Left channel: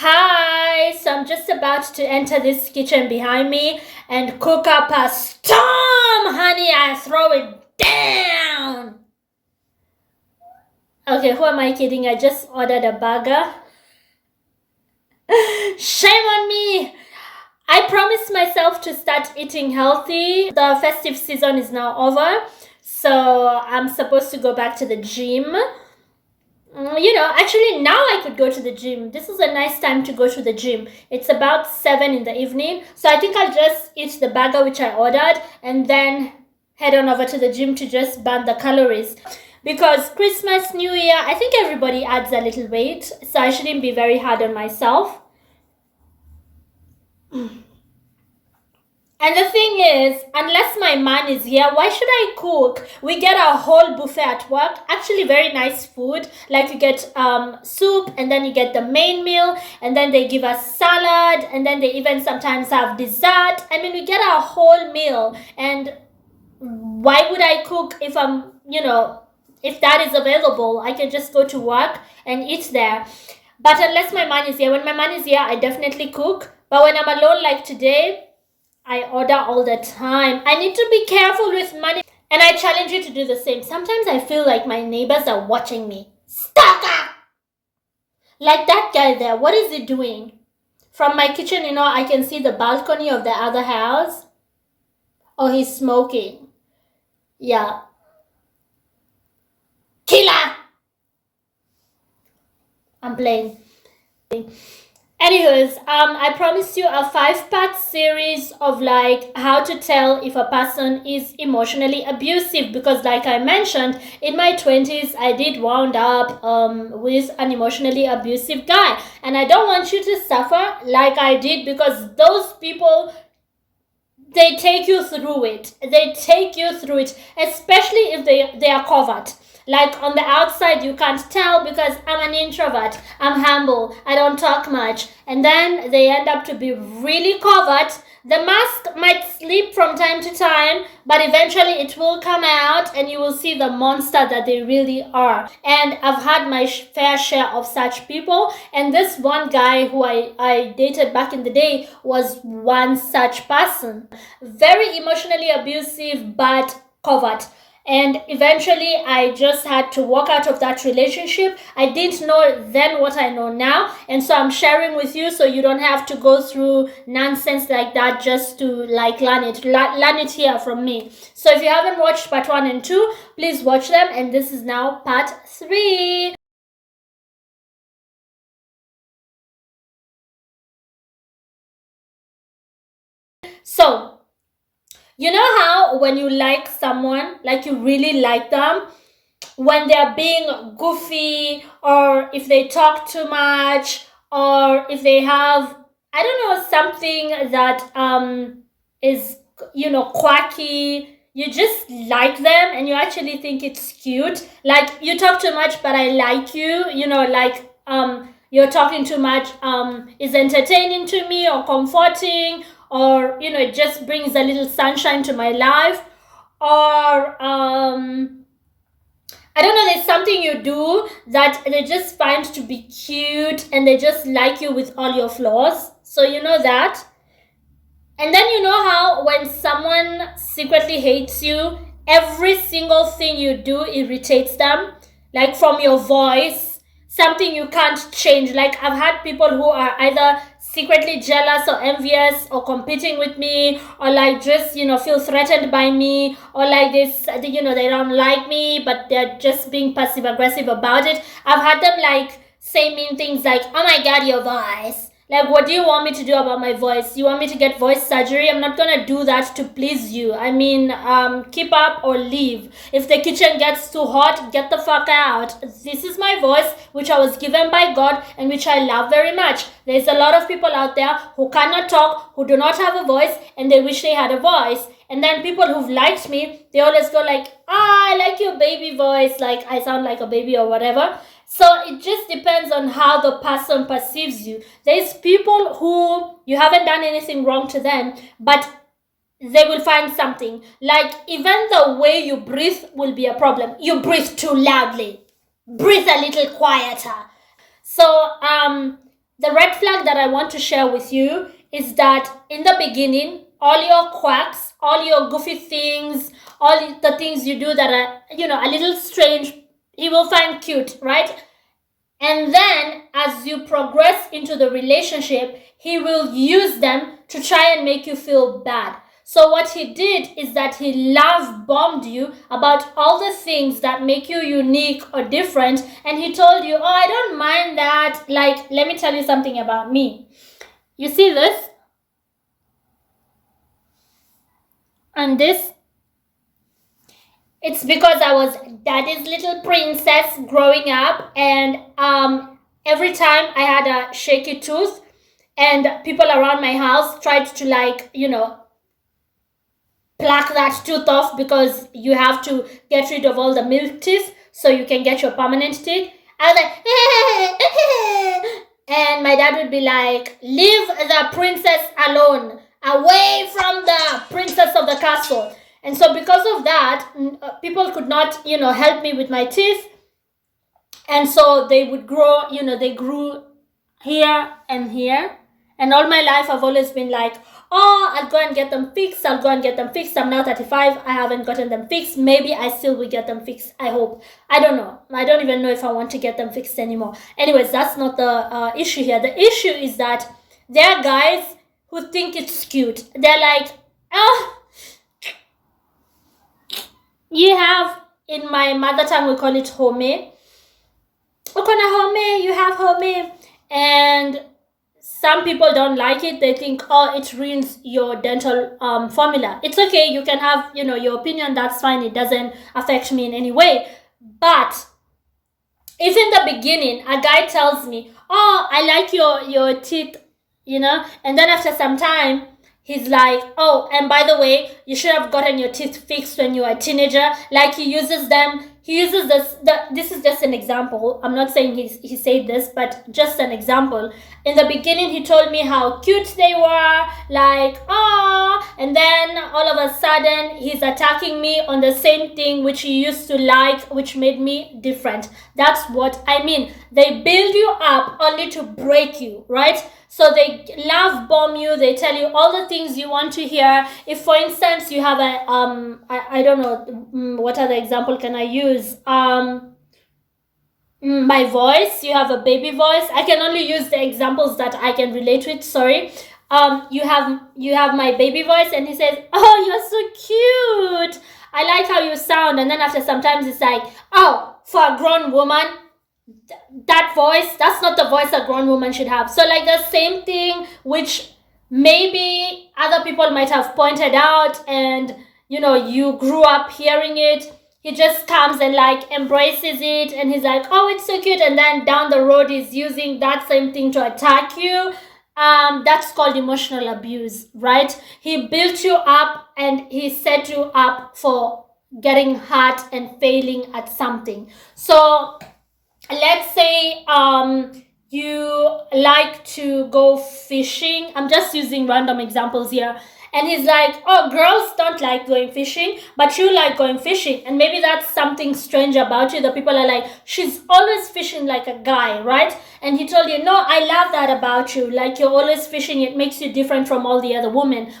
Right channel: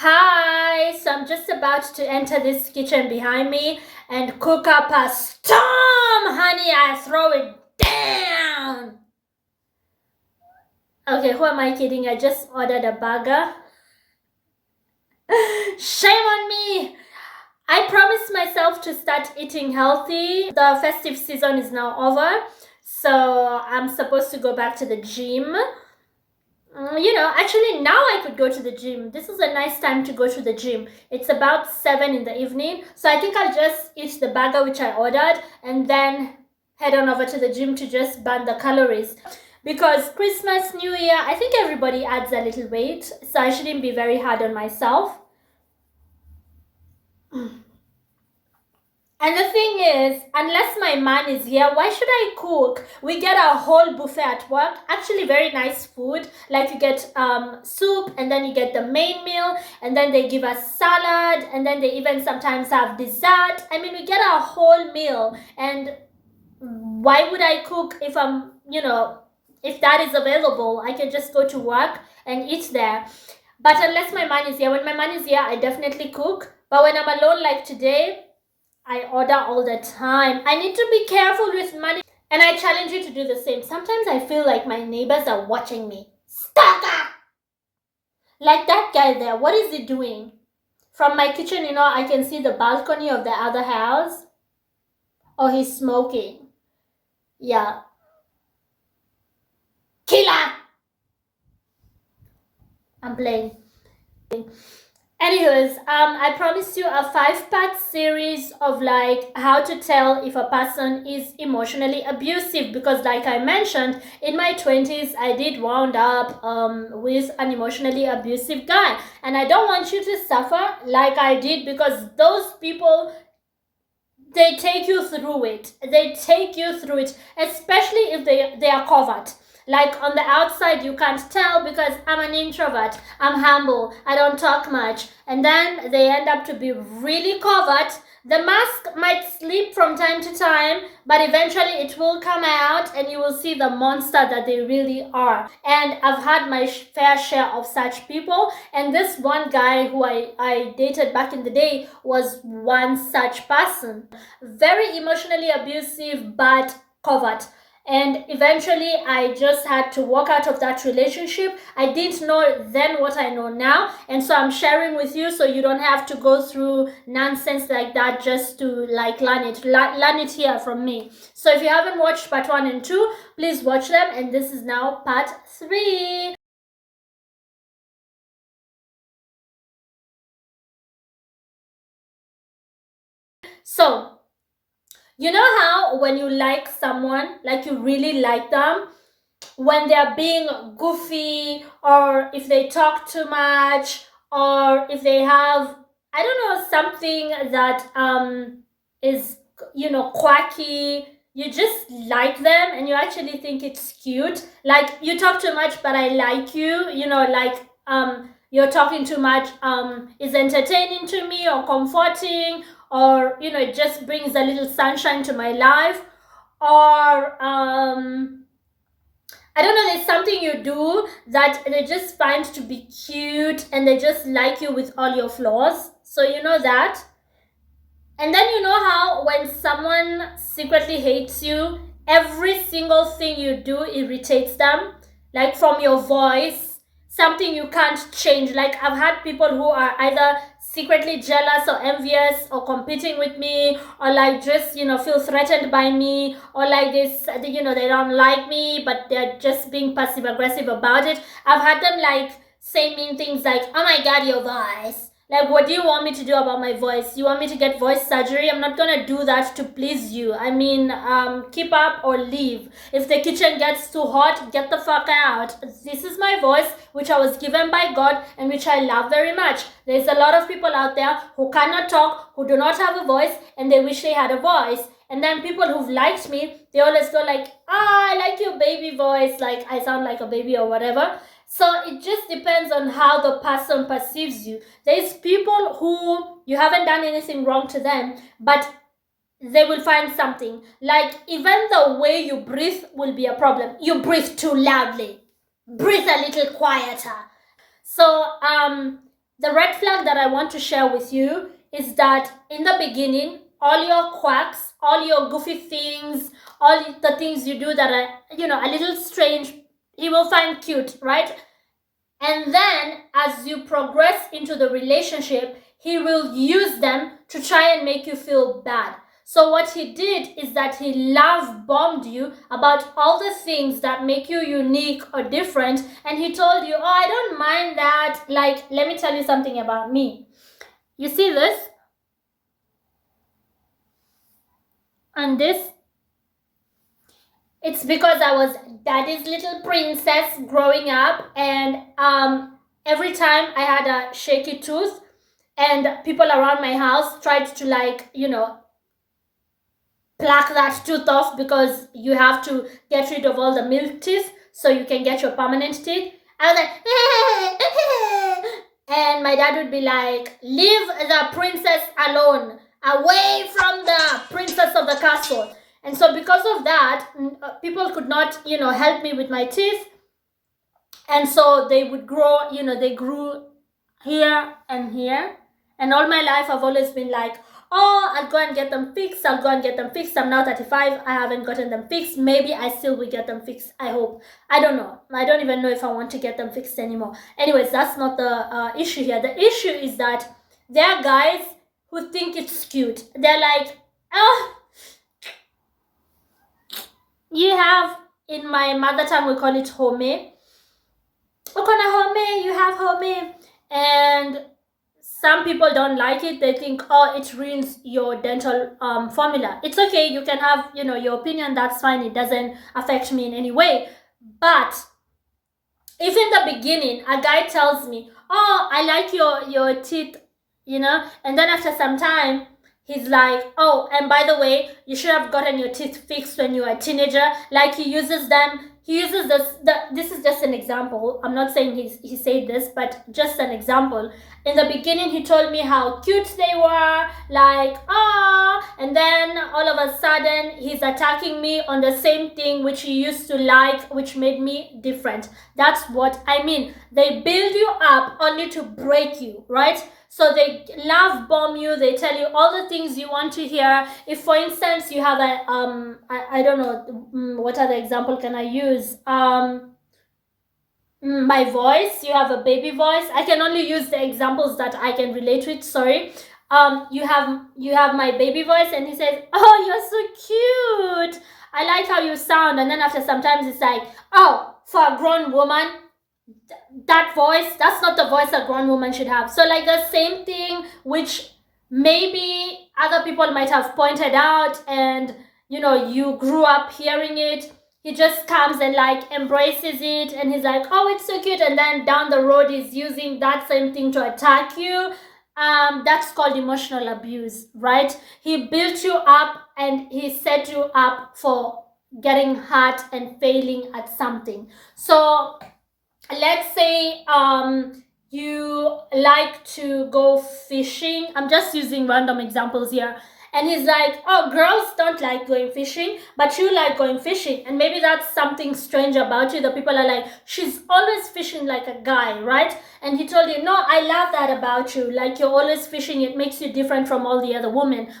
Hi, so I'm just about to enter this kitchen behind me and cook up a storm, honey. I throw it down. Okay, who am I kidding? I just ordered a burger. Shame on me. I promised myself to start eating healthy. The festive season is now over, so I'm supposed to go back to the gym. Actually, now I could go to the gym. This is a nice time to go to the gym. It's about 7 in the evening. So I think I'll just eat the burger which I ordered and then head on over to the gym to just burn the calories. Because Christmas, New Year, I think everybody adds a little weight. So I shouldn't be very hard on myself. And the thing is, unless my man is here, why should I cook? We get a whole buffet at work. Actually, very nice food. Like you get soup, and then you get the main meal, and then they give us salad, and then they even sometimes have dessert. I mean, we get a whole meal. And why would I cook if if that is available? I can just go to work and eat there. But unless my man is here, when my man is here, I definitely cook. But when I'm alone, like today, I order all the time. I need to be careful with money. And I challenge you to do the same. Sometimes I feel like my neighbors are watching me. Stalker! Like that guy there. What is he doing? From my kitchen, I can see the balcony of the other house. Oh, he's smoking. Yeah. Killer! I'm playing. Anyways, I promised you a 5-part series of like how to tell if a person is emotionally abusive, because like I mentioned, in my 20s I did wound up with an emotionally abusive guy, and I don't want you to suffer like I did, because those people, they take you through it. Especially if they are covert. Like on the outside, you can't tell because I'm an introvert, I'm humble, I don't talk much. And then they end up to be really covert. The mask might slip from time to time, but eventually it will come out and you will see the monster that they really are. And I've had my fair share of such people. And this one guy who I dated back in the day was one such person. Very emotionally abusive, but covert. And eventually I just had to walk out of that relationship. I didn't know then what I know now, and so I'm sharing with you so you don't have to go through nonsense like that just to like learn it here from me. So if you haven't watched part 1 and 2, please watch them, and this is now part 3. So you know how when you like someone, like you really like them, when they're being goofy, or if they talk too much, or if they have, I don't know, something that is quirky, you just like them and you actually think it's cute. Like you talk too much but I like you, like you're talking too much is entertaining to me or comforting, or it just brings a little sunshine to my life. Or I don't know, there's something you do that they just find to be cute and they just like you with all your flaws. So you know that. And then you know how when someone secretly hates you, every single thing you do irritates them. Like from your voice, something you can't change. Like I've had people who are either secretly jealous or envious or competing with me, or like just feel threatened by me, or like this they don't like me but they're just being passive aggressive about it. I've had them like say mean things like, oh my god, your voice. Like, what do you want me to do about my voice? You want me to get voice surgery? I'm not gonna do that to please you. I mean, keep up or leave. If the kitchen gets too hot, get the fuck out. This is my voice, which I was given by God and which I love very much. There's a lot of people out there who cannot talk, who do not have a voice, and they wish they had a voice. And then people who've liked me, they always go like, I like your baby voice, like I sound like a baby or whatever. So it just depends on how the person perceives you. There's people who you haven't done anything wrong to them, but they will find something. Like even the way you breathe will be a problem. You breathe too loudly. Breathe a little quieter. So the red flag that I want to share with you is that in the beginning, all your quacks, all your goofy things, all the things you do that are, a little strange, he will find cute, right? And then as you progress into the relationship, he will use them to try and make you feel bad. So what he did is that he love bombed you about all the things that make you unique or different, and he told you, "Oh, I don't mind that. Like, let me tell you something about me. You see this? And this? It's because I was daddy's little princess growing up, and every time I had a shaky tooth, and people around my house tried to, like, pluck that tooth off because you have to get rid of all the milk teeth so you can get your permanent teeth. I was like, and my dad would be like, leave the princess alone, away from the princess of the castle. And so because of that, people could not, help me with my teeth. And so they would grow, they grew here and here. And all my life I've always been like, oh, I'll go and get them fixed. I'm now 35. I haven't gotten them fixed. Maybe I still will get them fixed. I hope. I don't know. I don't even know if I want to get them fixed anymore. Anyways, that's not the issue here. The issue is that there are guys who think it's cute. They're like, oh, you have, in my mother tongue, we call it home. You have home. And some people don't like it. They think, oh, it ruins your dental formula. It's okay. You can have, your opinion. That's fine. It doesn't affect me in any way. But if in the beginning a guy tells me, oh, I like your teeth, and then after some time, he's like, oh, and by the way, you should have gotten your teeth fixed when you were a teenager. Like, he uses this is just an example. I'm not saying he said this, but just an example. In the beginning, he told me how cute they were, like, oh, and then all of a sudden, he's attacking me on the same thing which he used to like, which made me different. That's what I mean. They build you up only to break you, right? So they love bomb you. They tell you all the things you want to hear. If, for instance, you have a I don't know, what other example can I use? My voice. You have a baby voice. I can only use the examples that I can relate with. Sorry. You have my baby voice, and he says, "Oh, you're so cute. I like how you sound." And then after sometimes it's like, "Oh, for a grown woman, that voice, that's not the voice a grown woman should have." So, like, the same thing which maybe other people might have pointed out, and you grew up hearing it, he just comes and, like, embraces it, and he's like, oh, it's so cute, and then down the road he's using that same thing to attack you. That's called emotional abuse, right? He built you up and he set you up for getting hurt and failing at something. So let's say you like to go fishing. I'm just using random examples here. And he's like, oh, girls don't like going fishing, but you like going fishing. And maybe that's something strange about you. The people are like, she's always fishing like a guy, right? And he told you, no, I love that about you. Like, you're always fishing. It makes you different from all the other women.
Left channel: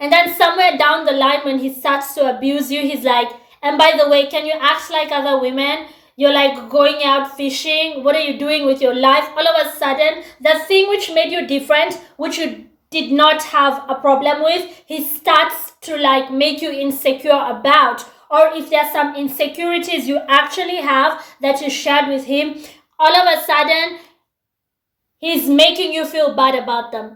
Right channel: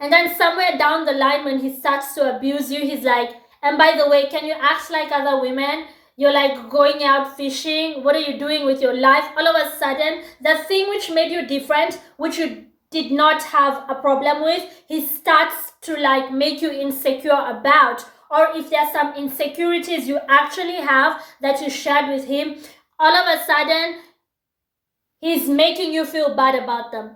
And then somewhere down the line, when he starts to abuse you, he's like, and by the way, can you act like other women? You're like going out fishing. What are you doing with your life? All of a sudden, the thing which made you different, which you did not have a problem with, he starts to, like, make you insecure about. Or if there's some insecurities you actually have that you shared with him, all of a sudden, he's making you feel bad about them.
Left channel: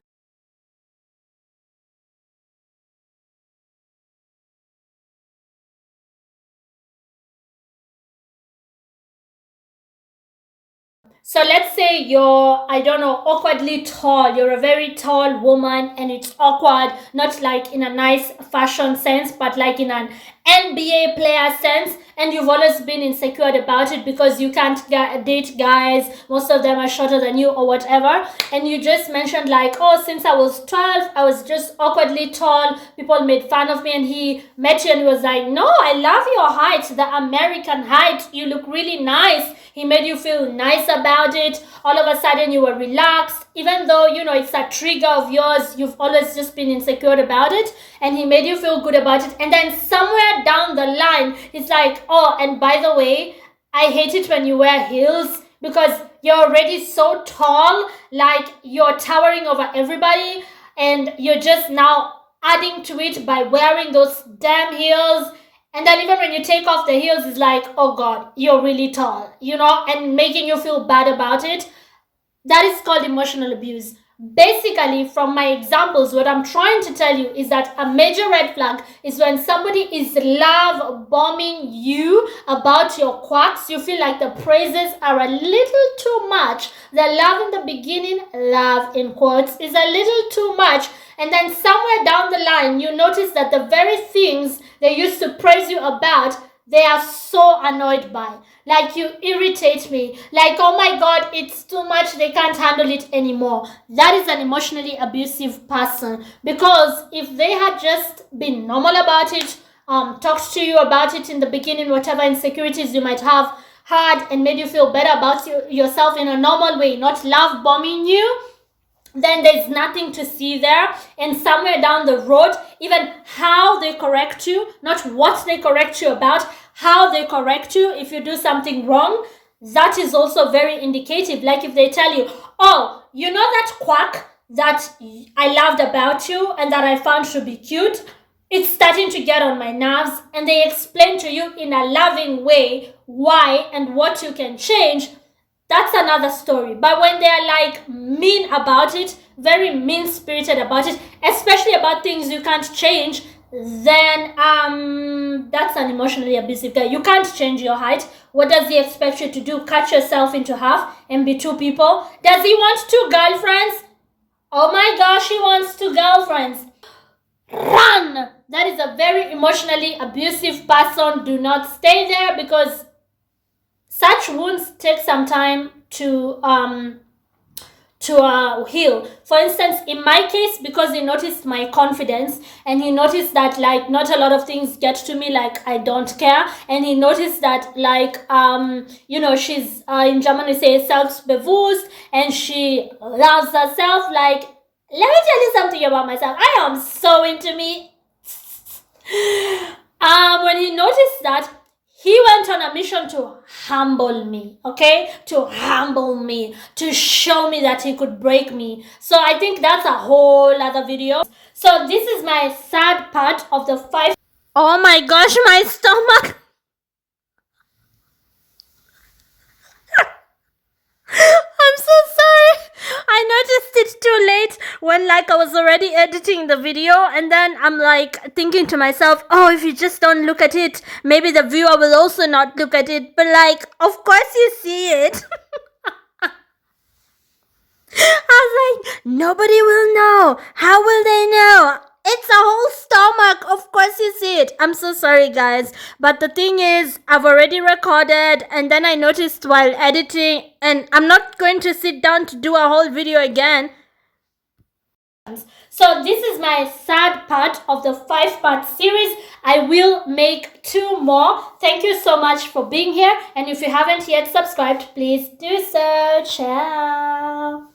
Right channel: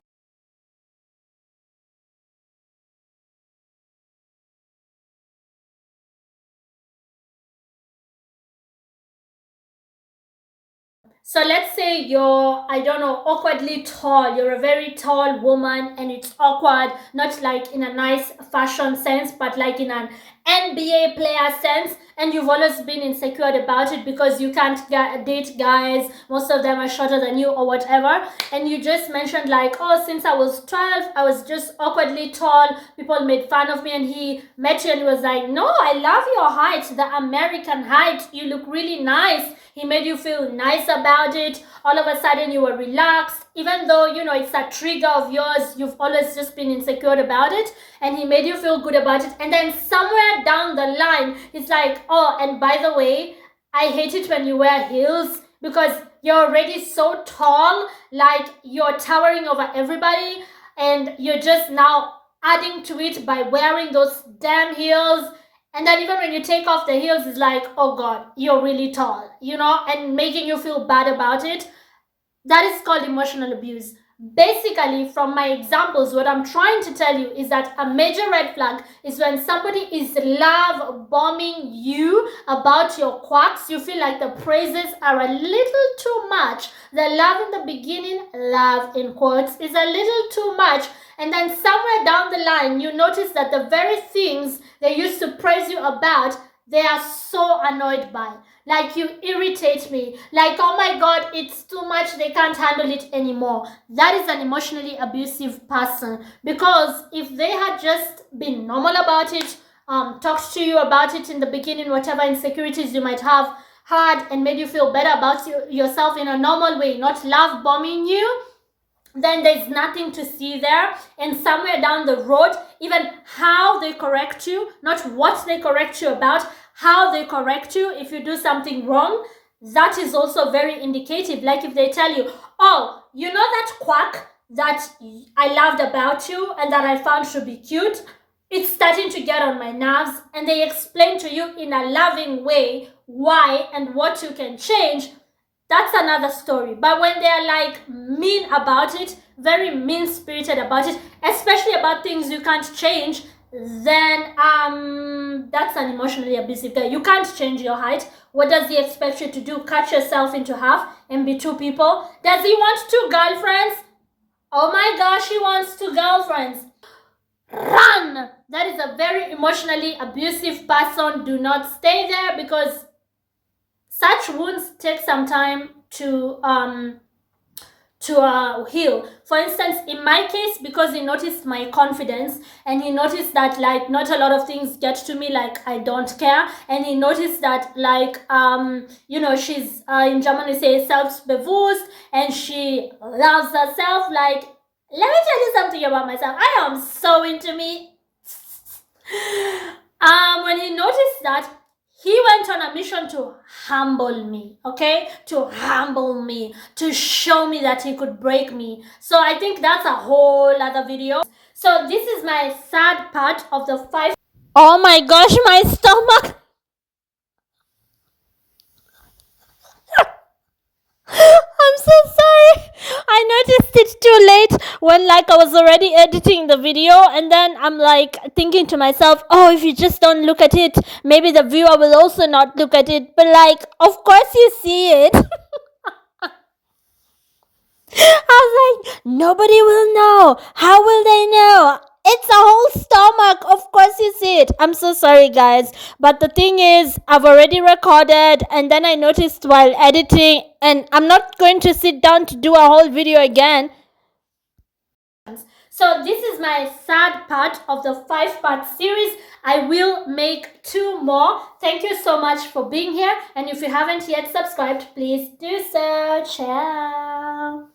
So let's say you're, I don't know, awkwardly tall. You're a very tall woman, and it's awkward, not like in a nice fashion sense, but like in an NBA player sense, and you've always been insecure about it because you can't date guys, most of them are shorter than you or whatever, and you just mentioned like, oh, since I was 12 I was just awkwardly tall, people made fun of me, and he met you and he was like, no, I love your height, the American height, you look really nice. He made you feel nice about it. All of a sudden you were relaxed, even though it's a trigger of yours, you've always just been insecure about it, and he made you feel good about it. And then somewhere down the line it's like, oh, and by the way, I hate it when you wear heels because you're already so tall, like you're towering over everybody, and you're just now adding to it by wearing those damn heels. And then even when you take off the heels, it's like, oh God, you're really tall, and making you feel bad about it. That is called emotional abuse. Basically, from my examples, what I'm trying to tell you is that a major red flag is when somebody is love bombing you about your quirks. You feel like the praises are a little too much. The love in the beginning, love in quotes, is a little too much. And then somewhere down the line, you notice that the very things they used to praise you about, they are so annoyed by. Like, you irritate me. Like, oh my God, it's too much. They can't handle it anymore. That is an emotionally abusive person. Because if they had just been normal about it, talked to you about it in the beginning, whatever insecurities you might have had, and made you feel better about yourself in a normal way, not love bombing you, then there's nothing to see there. And somewhere down the road, even how they correct you, not what they correct you about, how they correct you if you do something wrong, that is also very indicative. Like if they tell you, oh, you know that quack that I loved about you and that I found to be cute, it's starting to get on my nerves, and they explain to you in a loving way why and what you can change, that's another story. But when they're like mean about it, very mean-spirited about it, especially about things you can't change, then that's an emotionally abusive guy. You can't change your height. What does he expect you to do? Cut yourself into half and be two people? Does he want two girlfriends? Oh my gosh, he wants two girlfriends. Run! That is a very emotionally abusive person. Do not stay there, because such wounds take some time to heal. For instance, in my case, because he noticed my confidence, and he noticed that like not a lot of things get to me, like I don't care, and he noticed that like she's in German we say selbstbewusst, and she loves herself. Like, let me tell you something about myself. I am so into me. When he noticed that, he went on a mission to humble me, okay? To humble me, to show me that he could break me. So I think that's a whole other video. So this is my sad part of the 5. Oh my gosh, my stomach. I'm so sorry. I noticed it too late when like I was already editing the video, and then I'm like thinking to myself, oh, if you just don't look at it, maybe the viewer will also not look at it. But like, of course you see it. I was like, nobody will know. How will they know? It's a whole stomach. Of course you see it. I'm so sorry, guys. But the thing is, I've already recorded, and then I noticed while editing, and I'm not going to sit down to do a whole video again. So this is my sad part of the 5-part series. I will make 2 more. Thank you so much for being here. And if you haven't yet subscribed, please do so. Ciao.